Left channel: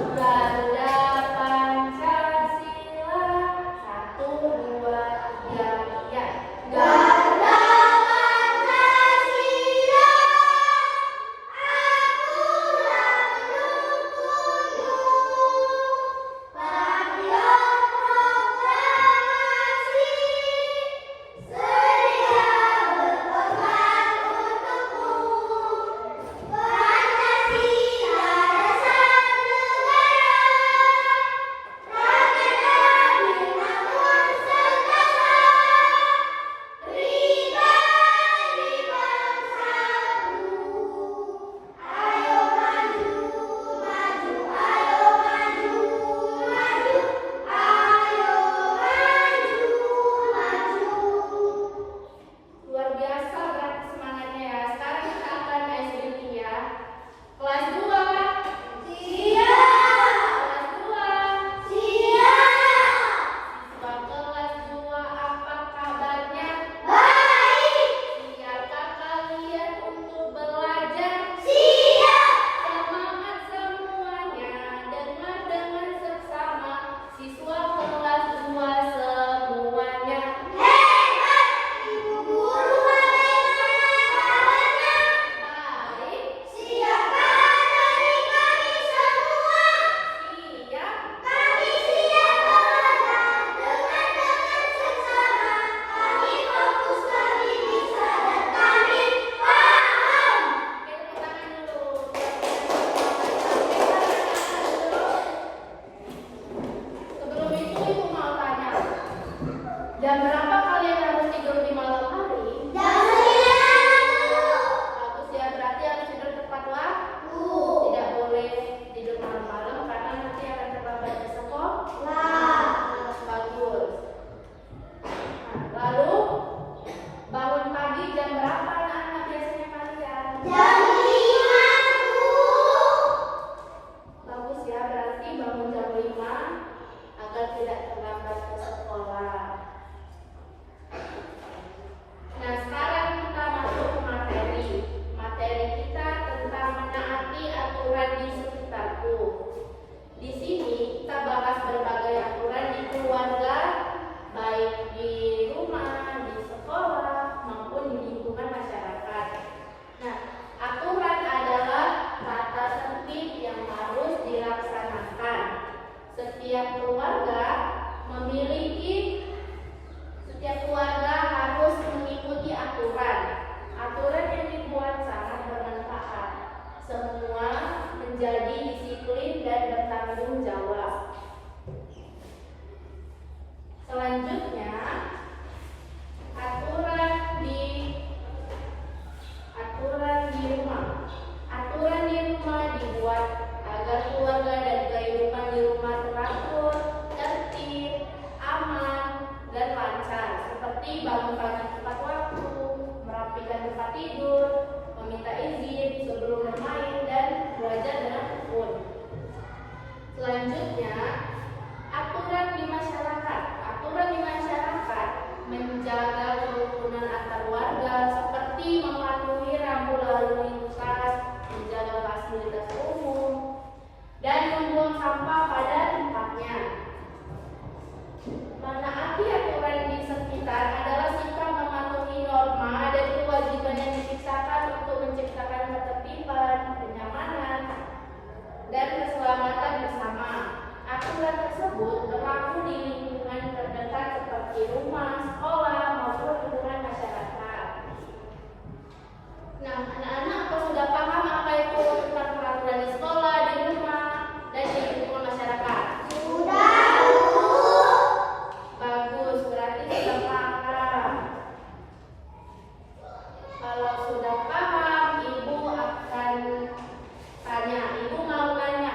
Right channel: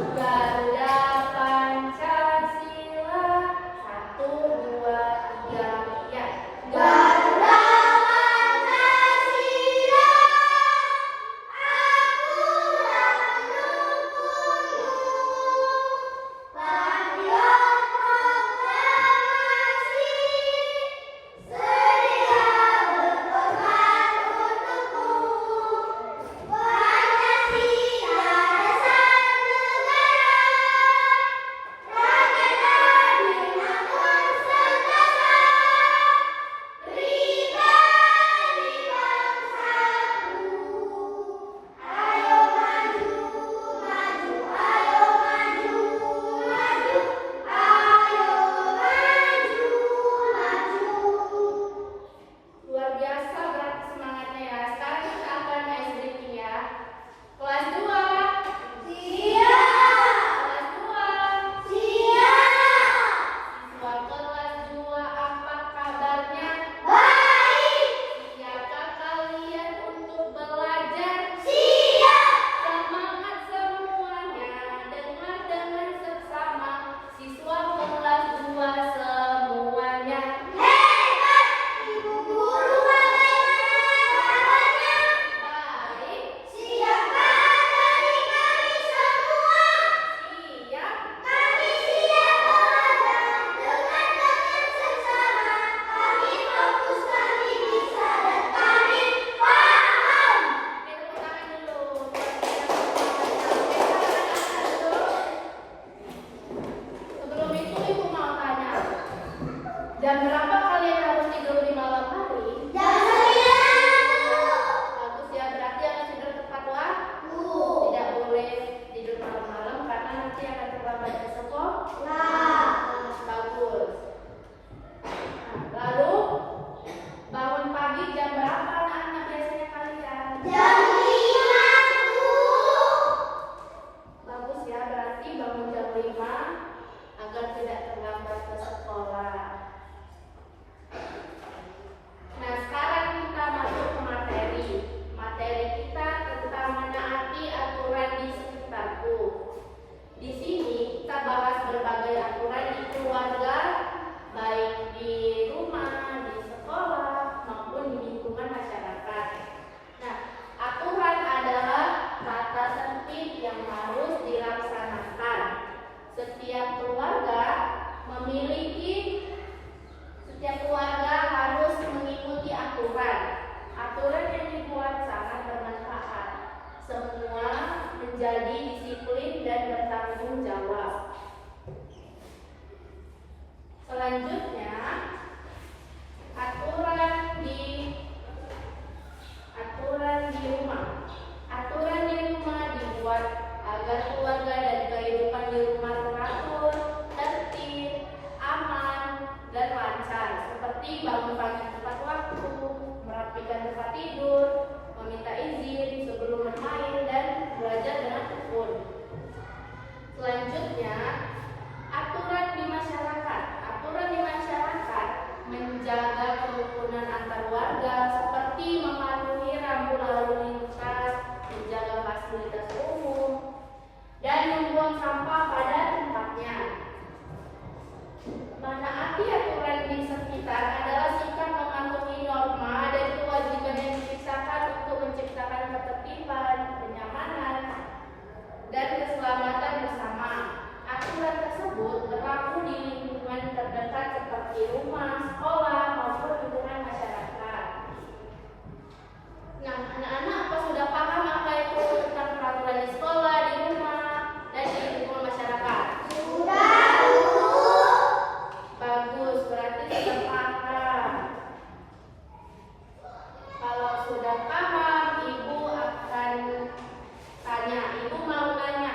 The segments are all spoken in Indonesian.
Garda Pancasila. Satu, dua, tiga, ya. Garda Pancasila, aturan hukum, patriot proklamasi, sedia berkorban untukmu. Pancasila dasar negara, rakyat hadir makmur sentosa. Pribadi bangsaku, ayo maju, maju, ayo maju, maju, ayo maju, maju. Luar biasa berarti semangatnya ya. Sekarang kita akan SBQ ya. Kelas 2. Siap, Kelas 2. siap, Siswa kelas 2, apa kabarnya? baik, Siapkah kalian untuk belajar? siap, Semangat semuanya, dengar seksama. Siswa kelas 2 semuanya. hebat, ibu guru bagaimana kabarnya? Baik, Siapkah dari kami semua? siap. Kami siap belajar dengan seksama. Kami fokus, kami bisa, dan kami paham. Tepuk tangan dulu. Sebelum itu ibu mau tanya, jam berapa kalian harus tidur di malam hari? Jam 9 dulu. Bagus ya, berarti harus tidur tepat waktu. Tidak boleh tidur malam-malam karena nanti akan terlambat ke sekolah. Lah, Bagus. Nah, lalu bangun pagi jam berapa anak-anak biasanya kalian? jam 5 dulu. Bagus ya, berarti bangun jam 5 agar tidak terlambat ke sekolah. Nah, sekarang kita masuk ke materi. Materi kita tentang menaati aturan di sekitarku. Di sini kita bahas berbagai aturan di keluarga, baik di rumah, di sekolah, maupun di lingkungan masyarakat. Nah, aturan adalah kata sempit yang harus dilaksanakan. Setiap keluarga harus mengikuti aturan. Aturan yang dibuat sangat bermanfaat. Semua menjadi disiplin dan bertanggung jawab. Selanjutnya, aturan di rumah. Aturan di rumah dibuat agar keluarga dan kehidupan di rumah teratur, tertib, aman, dan lancar. Seperti bangun pagi tepat waktu, merapikan tempat tidur, meminta izin sebelum bermain, dan belajar dengan tekun. Selanjutnya, aturan di masyarakat. Aturan di masyarakat menjaga kerukunan antar warga seperti mematuhi rambu lalu lintas, menjaga fasilitas umum, dan membuang sampah pada tempatnya. Menaati aturan di sekitar adalah sikap mematuhi norma dan kewajiban yang diciptakan untuk menciptakan ketertiban, kenyamanan, dan keselamatan bersama. Aturan tersebut berlaku di lingkungan terdekat seperti rumah, sekolah, maupun lingkungan masyarakat. Nah, anak-anak apa sudah paham apa itu tentang peraturan di sekolah, di rumah, dan di lingkungan masyarakat? Sudah dulu. Bagus, berarti sudah paham. Kalau sudah paham, ibu akan tanya. Ibu mau tanya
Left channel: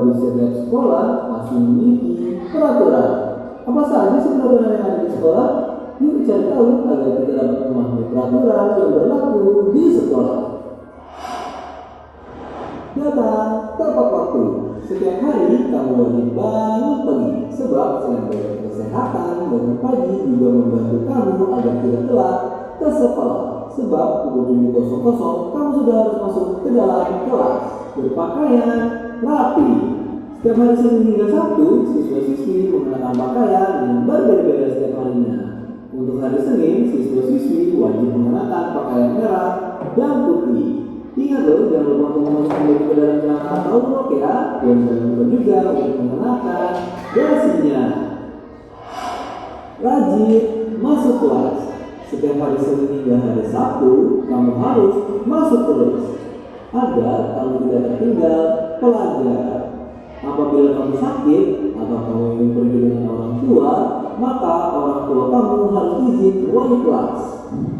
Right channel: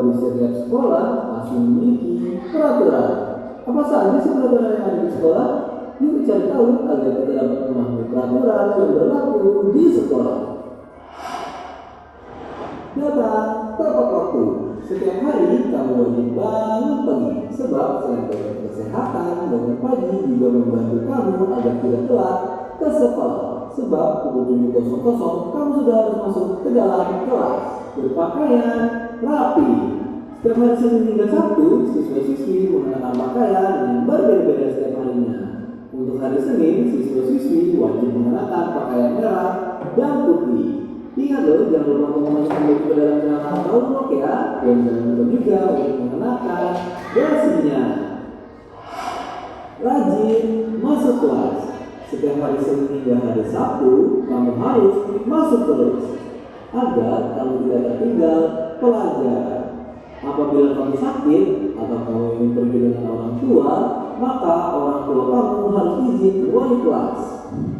di setiap sekolah pasti memiliki peraturan. Apa saja sih peraturan yang ada di sekolah? Yuk cari tahu agar kita dapat memahami peraturan yang berlaku di sekolah. Datang tepat waktu. Setiap hari kamu wajib bangun pagi, sebab selain menjaga kesehatan, bangun pagi juga membantu kamu agar tidak telat ke sekolah. Sebab pukul 7.00 kamu sudah harus masuk ke dalam kelas berpakaian rapi. Setiap hari Senin hingga Sabtu, siswa-siswi mengenakan pakaian yang berbeda-beda setiap harinya. Untuk hari Senin, siswa-siswi wajib mengenakan pakaian merah dan putih. Ingat loh, jangan lupa untuk memasukkan baju ke dalam celana atau rok ya. Dan jangan lupa juga untuk mengenakan dasinya. Rajin masuk kelas. Setiap hari Senin hingga hari Sabtu, kamu harus masuk terus agar kamu tidak tertinggal pelajaran. Apabila kamu sakit atau kamu ingin pergi dengan orang tua, maka orang tua kamu harus izin wali kelas.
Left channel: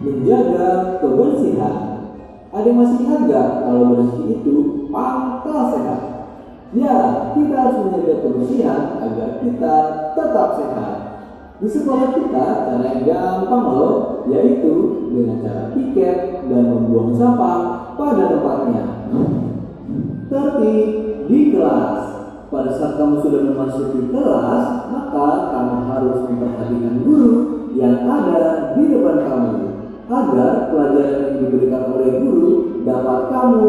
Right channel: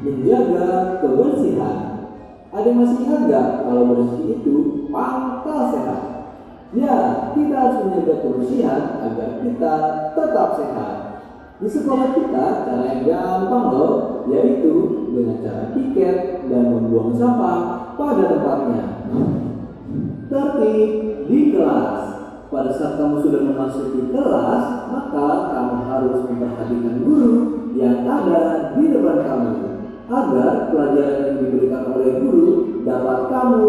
Menjaga kebersihan. Ada yang masih ingat gak kalau bersih itu pangkal sehat? Ya, kita harus menjaga kebersihan agar kita tetap sehat. Di sekolah kita, cara yang gampang loh, yaitu dengan cara piket dan membuang sampah pada tempatnya. Tertib di kelas. Pada saat kamu sudah memasuki kelas, maka kamu harus memperhatikan guru yang ada di depan kamu, agar pelajaran yang diberikan oleh guru dapat kamu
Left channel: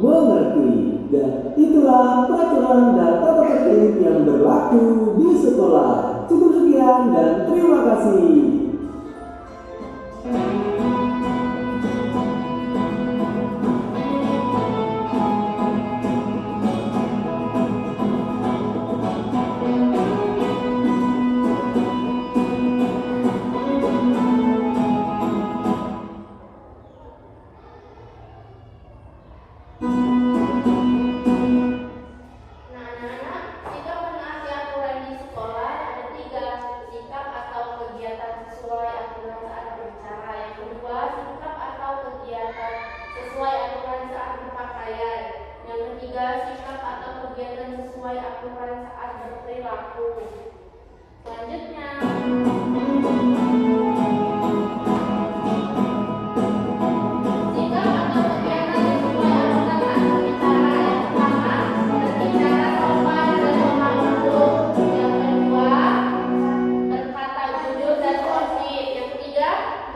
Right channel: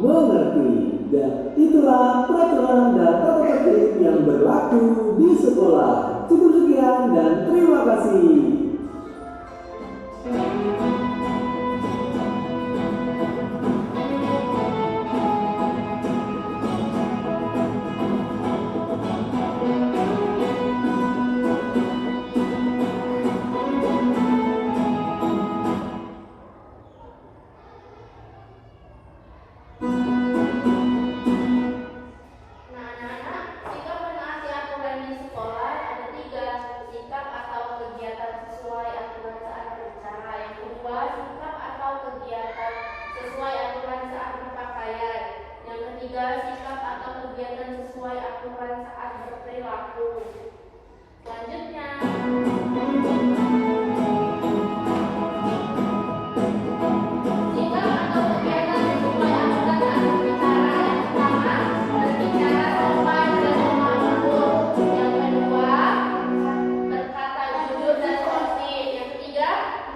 mengerti. Dan itulah peraturan dan tata tertib yang berlaku di sekolah. Cukup sekian dan terima kasih. Sesuai aturan saat berperilaku. Selanjutnya, sikap atau kegiatan sesuai aturan saat berbicara. Yang pertama, berbicara sopan dan sopan. Yang kedua, berkata jujur dan positif. Yang ketiga,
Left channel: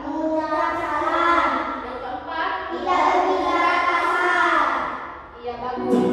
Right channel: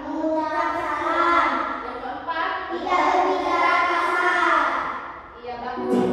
Mengucap salam. yang keempat, Tidak berbicara kasar. iya bagus.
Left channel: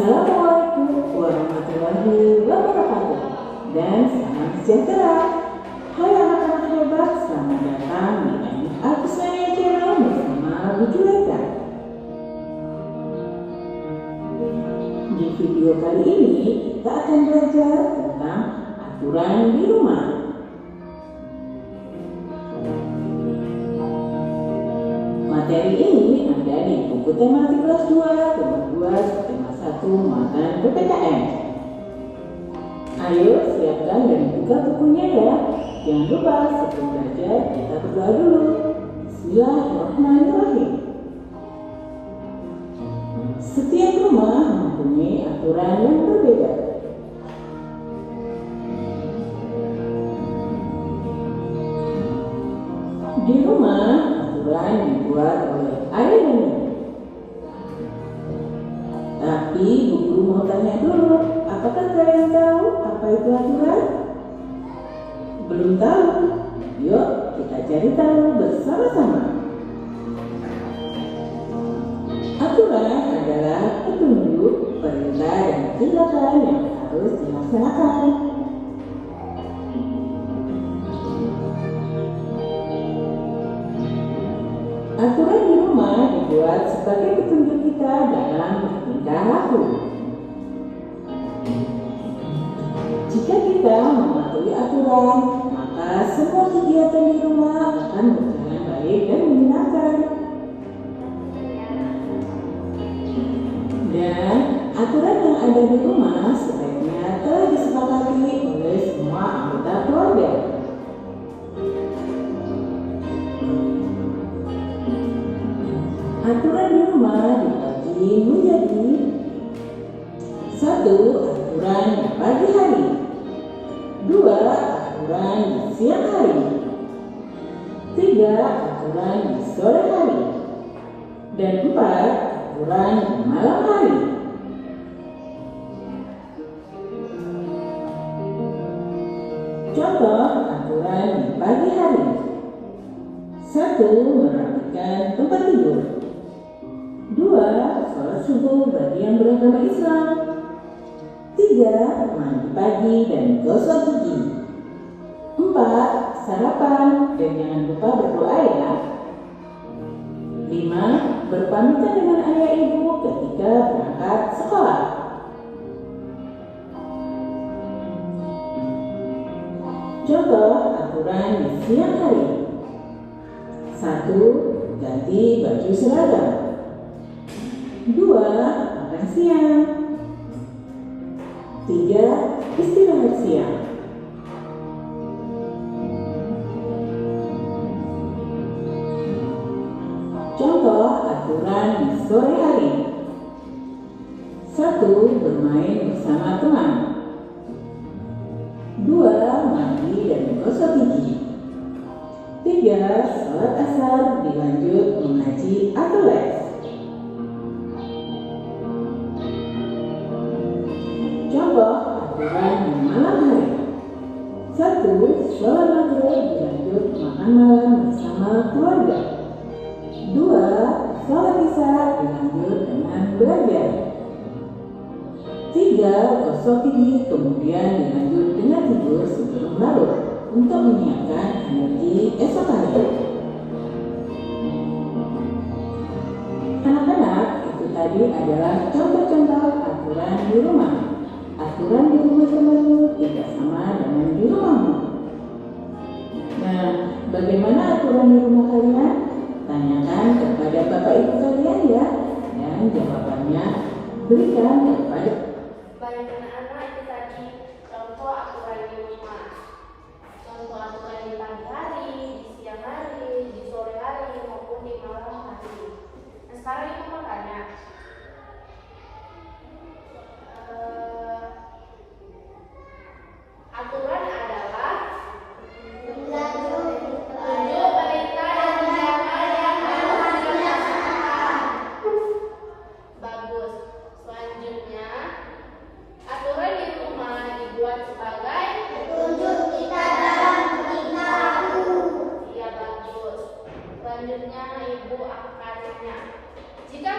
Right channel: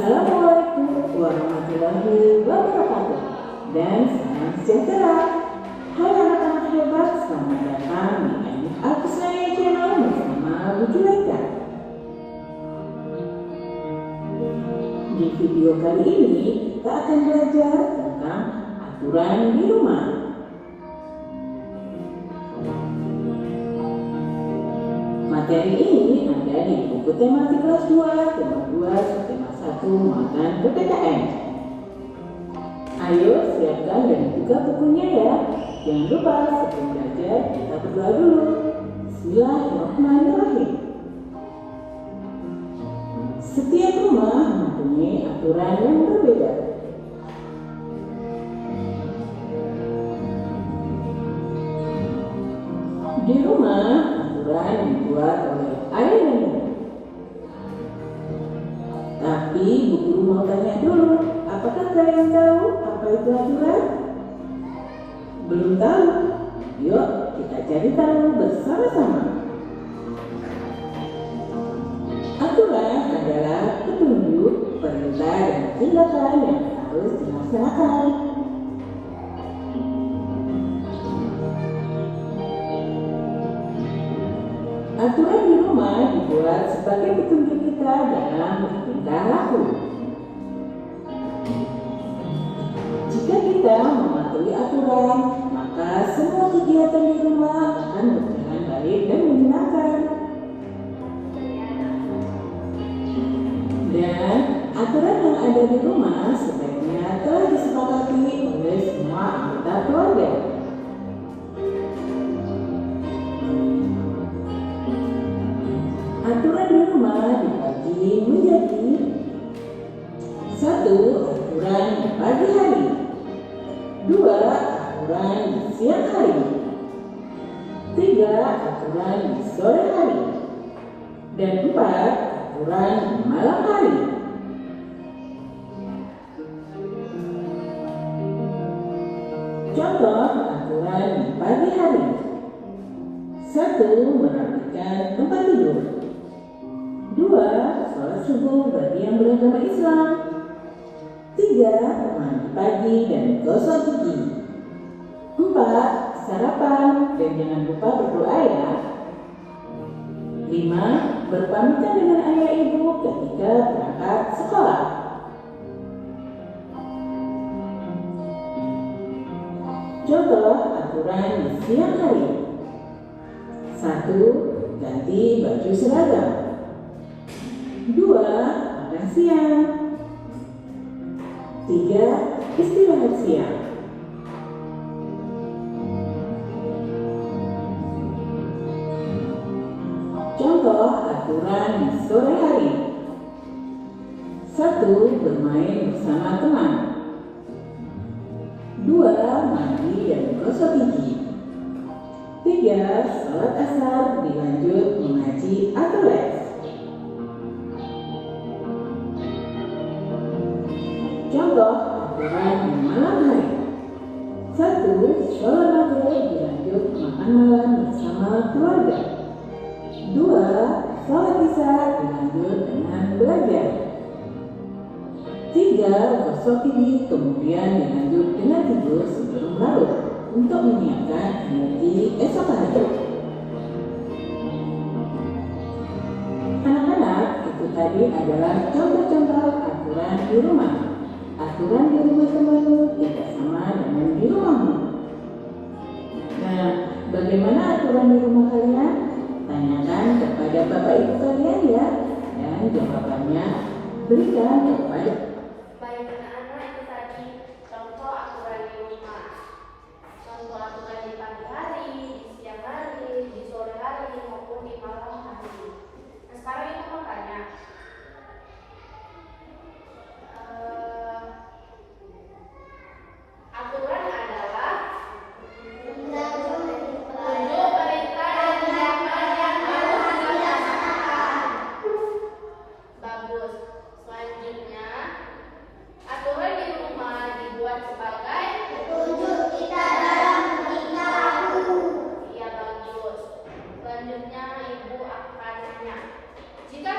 Assalamualaikum warahmatullahi wabarakatuh dan salam sejahtera. Hai anak-anak hebat, selamat datang di Anik Alkusnaya Channel bersama Bu Juwita. Di video kali ini kita akan belajar tentang aturan di rumah. Materi ini ada di buku tematik kelas 2, tema 2, tema 1, muatan PPKN. Ayo siapkan dan buka bukunya ya. Jangan lupa sebelum belajar kita berdoa dulu. Bismillahirrahmanirrahim. Setiap rumah mempunyai aturan yang berbeda. Di rumah, aturan dibuat oleh ayah dan ibu. Tapi Bu Guru mau tanya dulu, apakah kalian tahu apa itu aturan? Belum tahu? Yuk kita cari tahu bersama-sama. Aturan adalah petunjuk, perintah, dan tindakan yang harus dilaksanakan. Aturan di rumah dibuat sebagai petunjuk kita dalam bertingkah laku. Jika kita mematuhi aturan, maka semua kegiatan di rumah akan berjalan baik dan menyenangkan. Dan aturan yang ada di rumah sebaiknya telah disepakati oleh semua anggota keluarga. Aturan di rumah dibagi menjadi 1. Aturan di pagi hari, 2. Aturan di siang hari, 3. Aturan di sore hari, dan 4. Aturan di malam hari. Contoh aturan di pagi hari: 1. Merapikan tempat tidur, 2. Sholat subuh bagi yang beragama Islam, 3. Mandi pagi dan gosok gigi, 4. Sarapan dan jangan lupa berdoa ya, 5. Berpamitan dengan ayah ibu ketika berangkat sekolah. Contoh aturan di siang hari: 1. Ganti baju seragam, 2. Makan siang, 3. Istirahat siang. Contoh aturan di sore hari: 1. Bermain bersama teman, 2. Mandi dan gosok gigi, 3. Sholat asar dilanjut mengaji atau les. Contoh aturan di malam hari: 1. Sholat maghrib dilanjut makan malam bersama keluarga, 2. Sholat isya dilanjut dengan belajar, 3. Gosok gigi kemudian dilanjut dengan tidur sebelum larut untuk menyiapkan energi esok hari. Anak-anak, itu tadi adalah contoh-contoh aturan di rumah. Aturan di rumah temanmu tidak sama dengan di rumahmu. Nah, bagaimana aturan di rumah kalian? Tanyakan kepada bapak ibu kalian ya, dan jawabannya berikan kepada. Baik anak-anak, itu tadi contoh aturan di rumah. Contoh aturan di pagi hari, di siang hari, di sore hari, maupun di malam hari. Nah, sekarang itu makanya aturan adalah petunjuk, perintah, dan tindakan yang harus dilaksanakan. Bagus. Selanjutnya, aturan di rumah dibuat sebagai Petunjuk kita dalam bertingkah laku. ya bagus. Selanjutnya, Ibu akan tanya, jika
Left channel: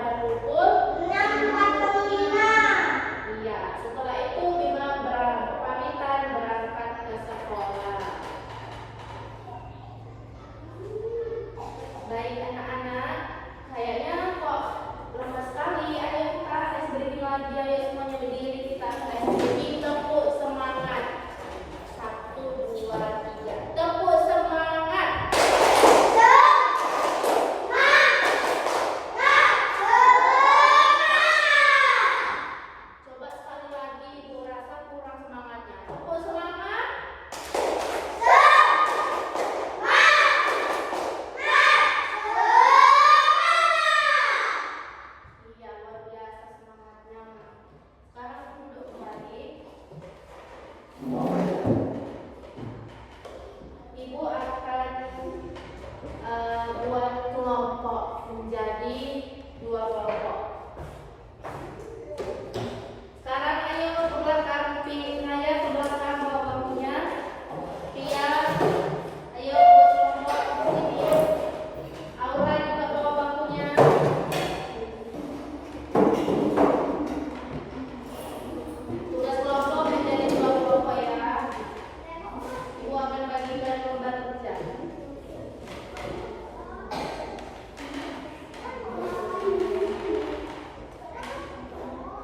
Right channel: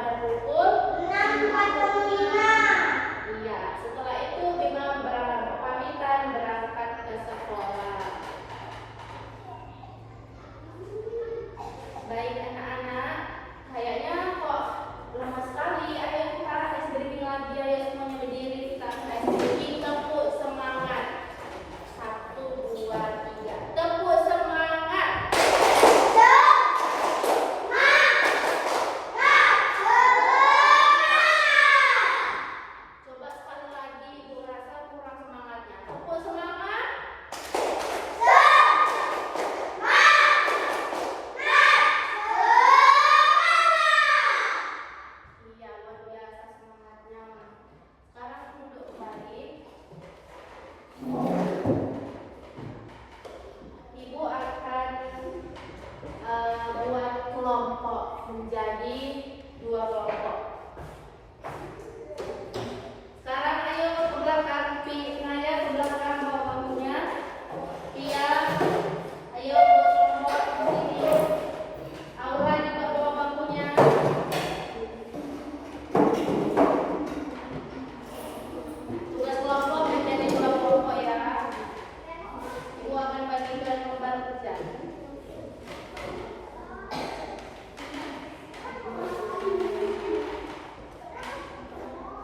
pada pukul 6.45. Iya, setelah itu Bima berpamitan berangkat ke sekolah. Baik anak-anak, kayaknya kok lama sekali. Ayo kita tes breathing lagi, ayo semuanya berdiri, kita tes breathing, tepuk semangat. 1, 2, 3, tepuk semangat. Coba sekali lagi, ibu rasa kurang semangatnya. Tepuk semangat. Iya, luar biasa semangatnya. Sekarang duduk kembali. Ibu akan buat kelompok menjadi 2 kelompok. Sekarang ayo ke belakang, Naya ke belakang bawa bangkunya. Pia, ayo ke kelompok sini. Aura juga bawa bangkunya. Tugas kelompok menjadi 2 kelompok ya. Ibu akan bagikan lembar kerja.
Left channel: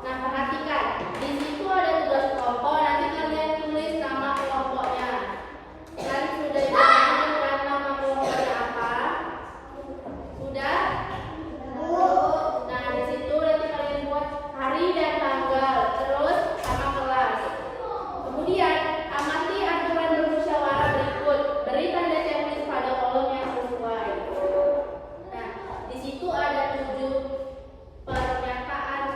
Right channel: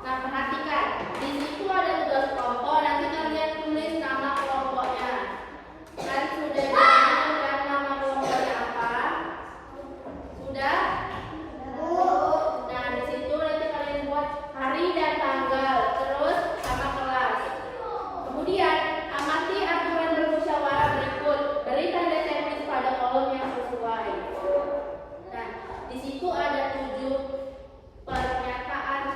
Nah, perhatikan, di situ ada tugas kelompok. Nanti kalian tulis nama kelompoknya. Kan sudah ditentukan nama kelompoknya apa? Sudah? Nah, di situ nanti kalian buat hari dan tanggal, terus sama kelas. Kemudian amati aturan bermusyawarah berikut. Beri tanda checklist pada kolom yang sesuai. Nah, di situ ada 7 pernyataan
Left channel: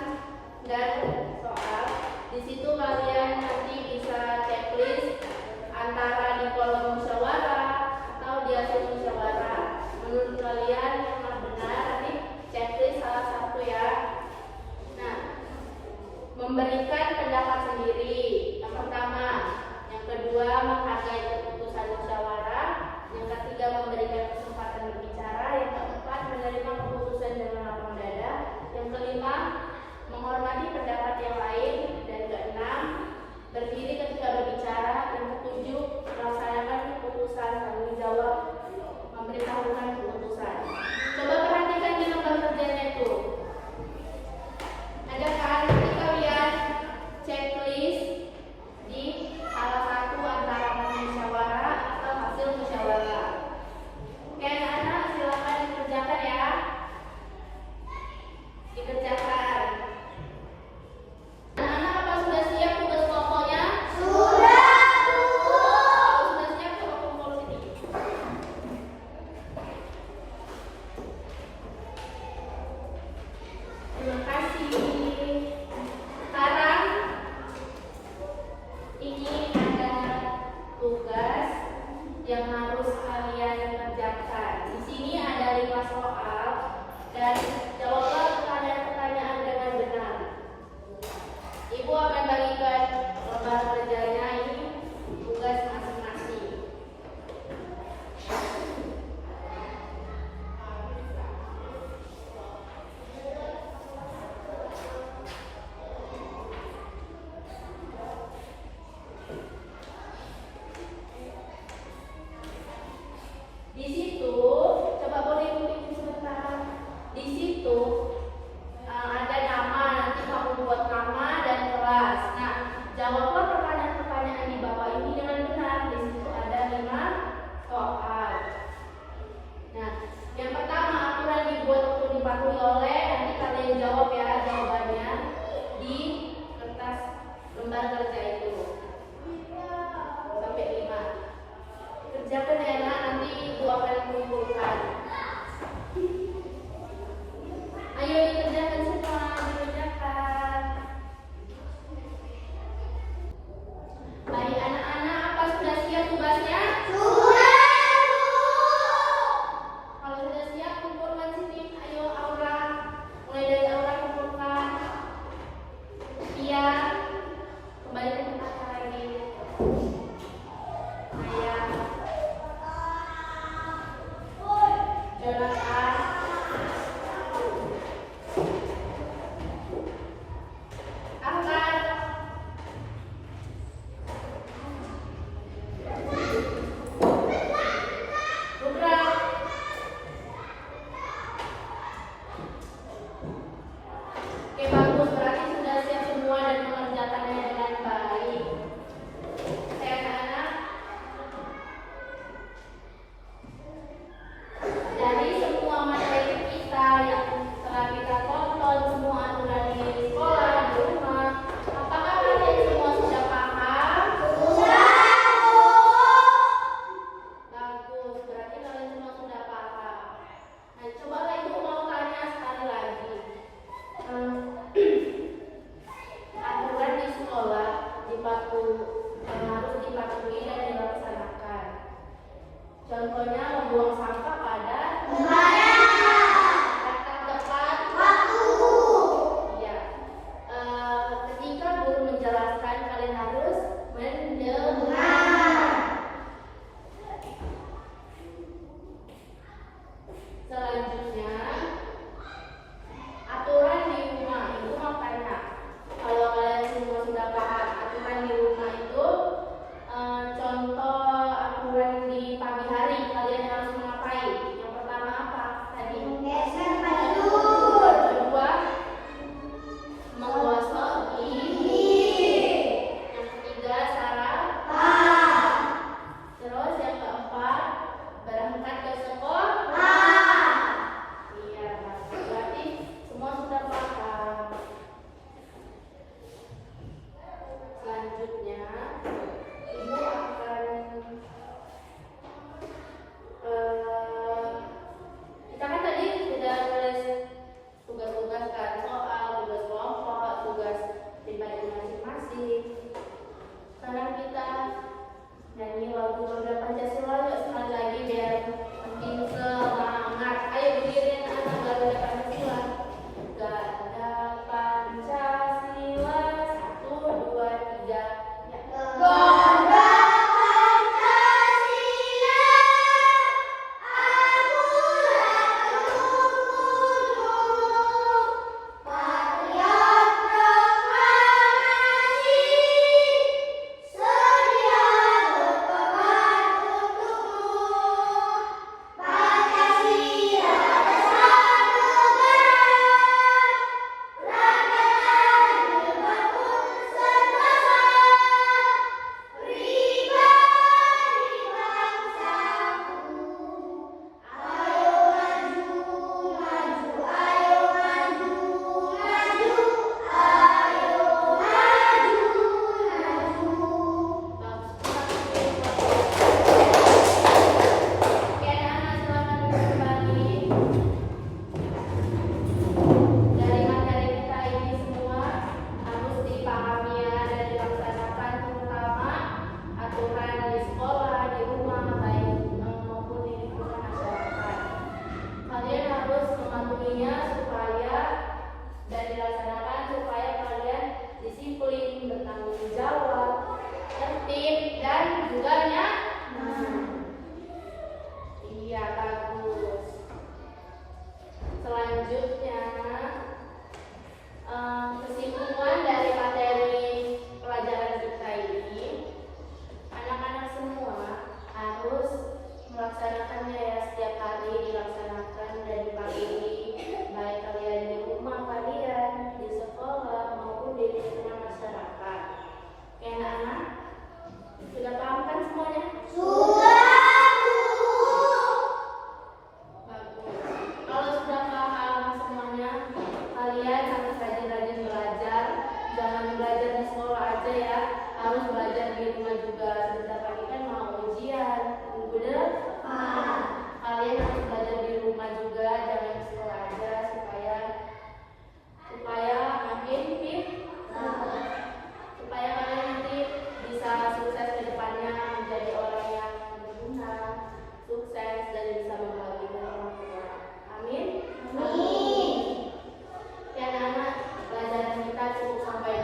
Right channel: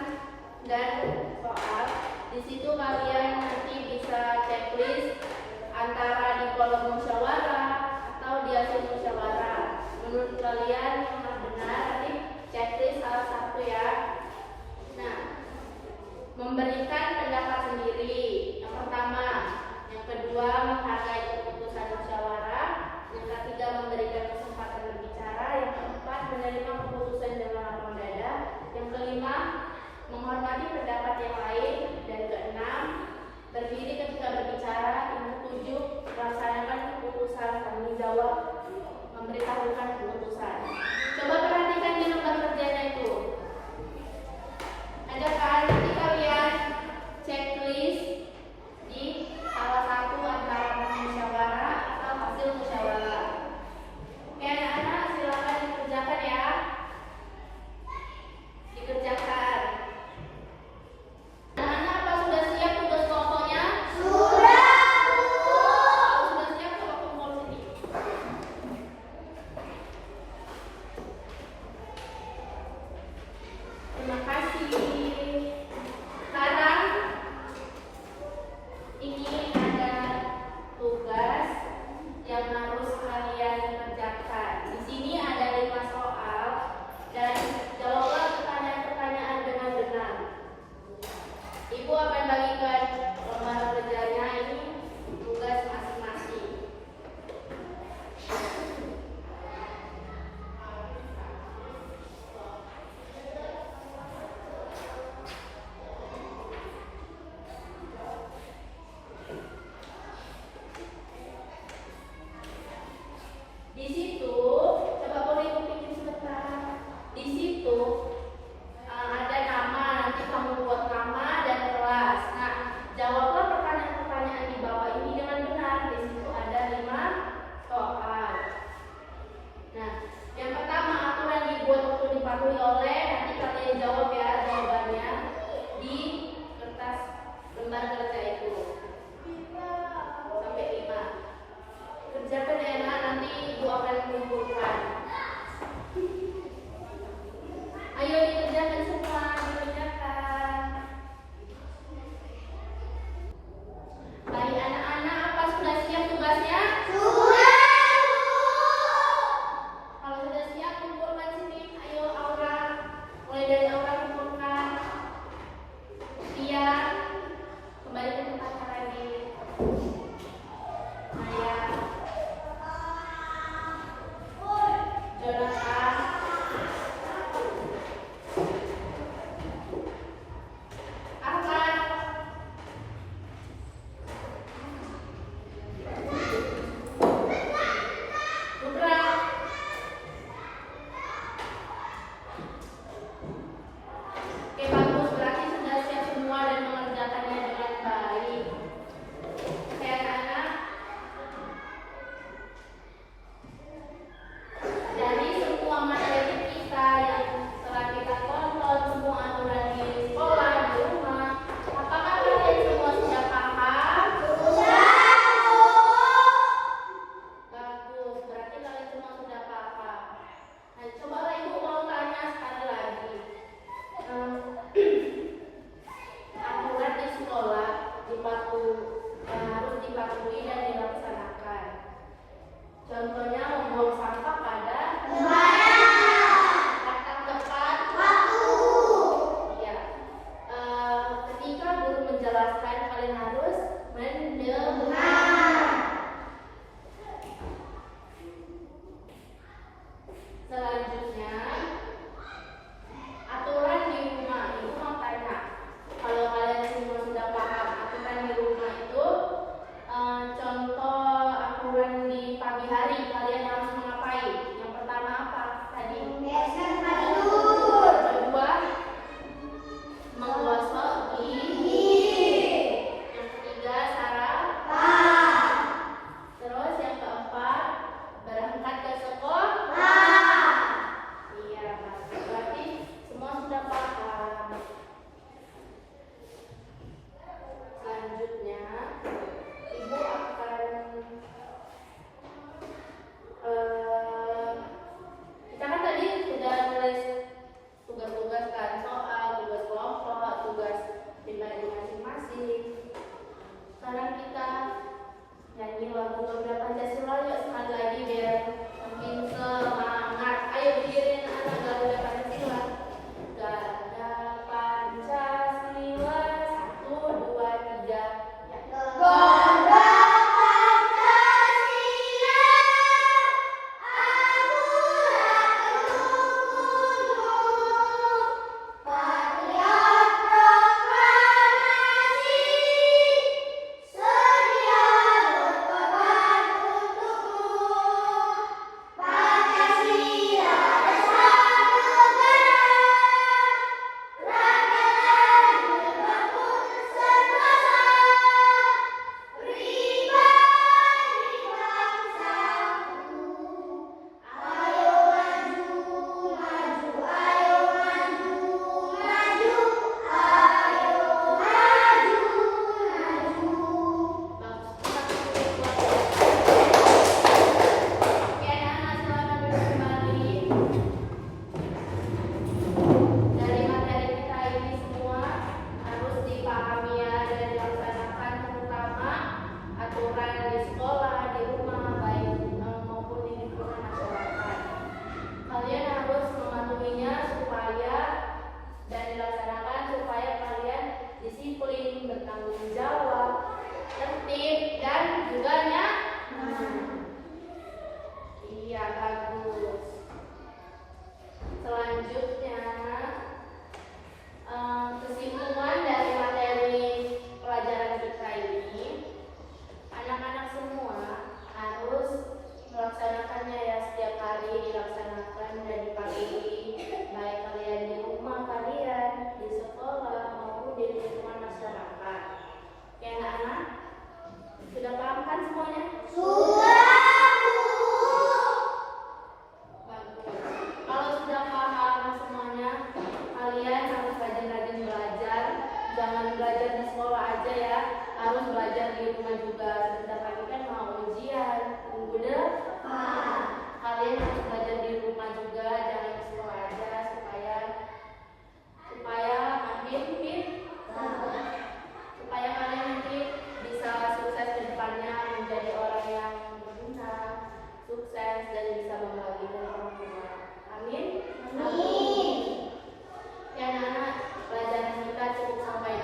dan soal. Di situ kalian nanti bisa checklist antara di kolom musyawarah atau di hasil musyawarah. Menurut kalian yang mana benar, nanti checklist salah satu ya. Nah, memberikan pendapat sendiri. Yang pertama, yang kedua menghargai keputusan musyawarah, yang ketiga memberikan kesempatan berbicara, yang keempat menerima keputusan dengan lapang dada, yang kelima menghormati pendapat yang lain, dan keenam berdiri ketika berbicara, yang ketujuh melaksanakan keputusan tanggung jawab memberitahukan keputusan. Coba perhatikan di lembar kerjanya itu. Ada kan nanti kalian checklist di salah satu antara musyawarah atau hasil musyawarah. Oke anak-anak, silakan dikerjakan ya. Dikerjakan. Anak-anak apa sudah siap tugas kelompoknya? Sudah, Bu. Kalau sudah siap coba kumpul sini. Terima kasih. Sekarang ini ada tugas yang harus kalian kerjakan. Di sini ada 5 soal dan jawablah pertanyaan-pertanyaan dengan benar. Ibu akan bagikan lembar kerjanya ini tugas masing-masing. Di situ, coba boleh mungkin sebentar. Di situ ada nama, nanti kamu buat nama dan kelas. Nah, jawablah pertanyaan-pertanyaan di bawah ini dengan benar. Di situ ada 5 soal. Nah, yang pertama aturan dibuat untuk dipatuhi oleh, nanti kalian jawab ya jawabannya di kertas lembar kerja itu. Sampai 5. Kerjakan ya nak, nanti ibu akan kumpulkan. Ayo kalian harus rajin-rajin belajar. Jangan belajar di sekolah aja ya, harus belajar di rumah juga. Bentar lagi kan mau ujian, minggu depan. Kalian harus belajar di rumah juga, jangan di sekolah aja supaya amin, supaya kalian nanti bisa sukses ke depannya, menjadi orang yang berguna, sukses dan bisa membahagiakan orang tua. Amin. Amin. Ya anak-anak, pelajaran kita cukup sampai